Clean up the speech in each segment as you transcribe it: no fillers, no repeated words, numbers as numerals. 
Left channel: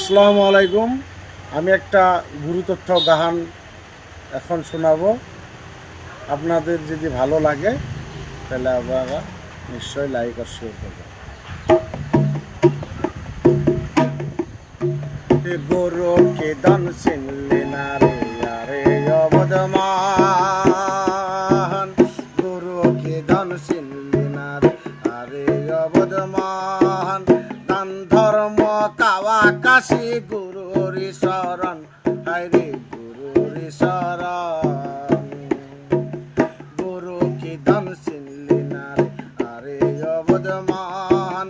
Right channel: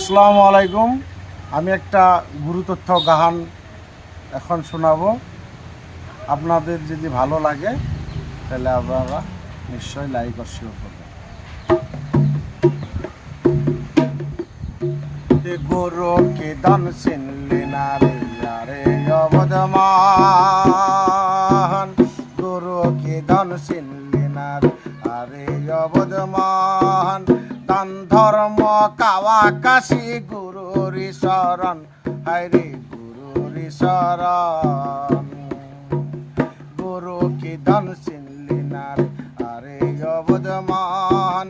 আসসালামু আলাইকুম। আমি একটা গুরুতথ্য গান এখন শোনাবো। আপনাদের যদি ভালো লাগে তাহলে আপনারা নিশ্চয়ই লাইক আর শেয়ার করবেন। গরুকে দান চিনলে না রে আরে অবদমান, গরুকে দান চিনলে না রে আরে অবদমান। দান ধর্ম কাওয়া কাশি গুরুর শরণ, হায়রে গুরুর শরণ। গুরুকে দান চিনলে না রে আরে অবদমান,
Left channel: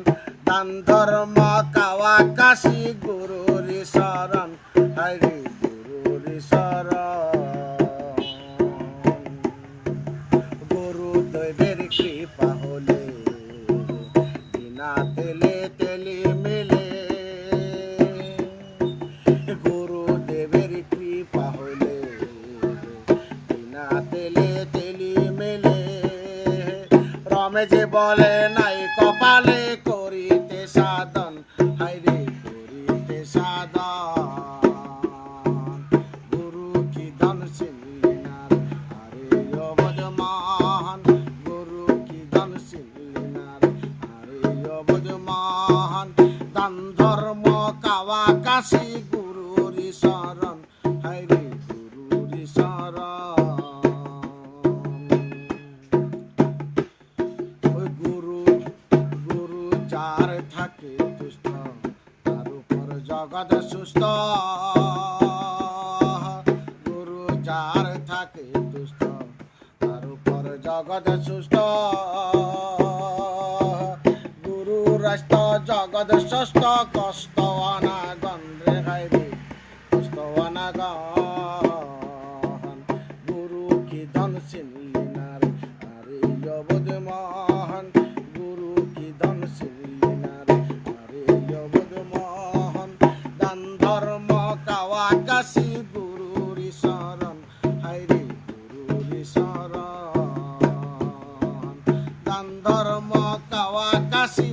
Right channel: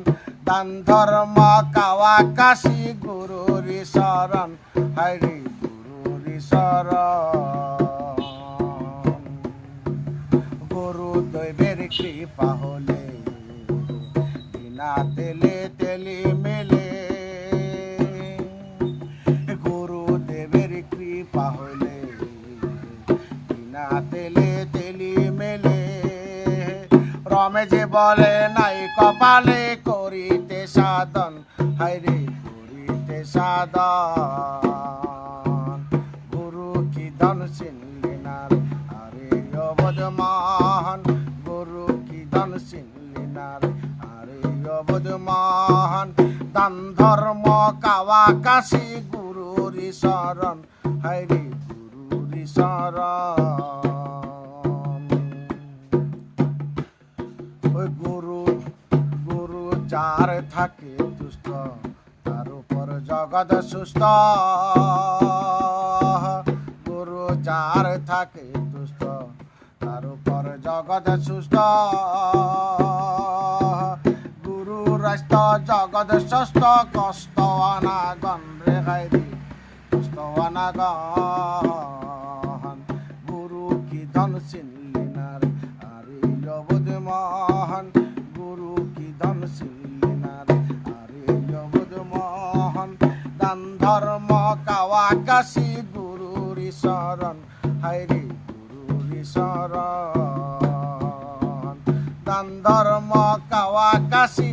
দান ধর্ম কাওয়া কাশি গুরুর শরণ, হায়রে গুরুর শরণ। গুরুদেবের কৃপা হলে বিনা তেলে তেলি মেলে, গুরুদেবের কৃপা হলে বিনা তেলে তেলি মেলে। রমেশে বলে নাই কপালে করিতে সাধন, হায়রে করিতে সাধন। গুরু কি দান চিনলে না রে আরে অবদমান, গুরু কি দান চিনলে না রে আরে অবদমান। দান ধর্ম কাওয়া কাশি গুরুর শরণ, হায়রে গুরুর শরণ। ওই গুরু গুরু যার থাকে দুষ্ট, তার উপর জগৎ সুস্থ। গুরু যার থাকে দুষ্ট, তার উপর জগৎ সুস্থ। গুরু রাস্ত জগৎ সুস্থ, কষ্ট অনাগন রে হায়রে কষ্ট অনাগন। গুরু কি ধন চিনলি না রে আরে অবদমান, গুরু কি ধন চিনলি না রে আরে অবদমান। দান ধর্ম কাওয়া কাশি গুরুর শরণ, হায়রে গুরুর শরণ। দান ধর্ম কাওয়া কাশি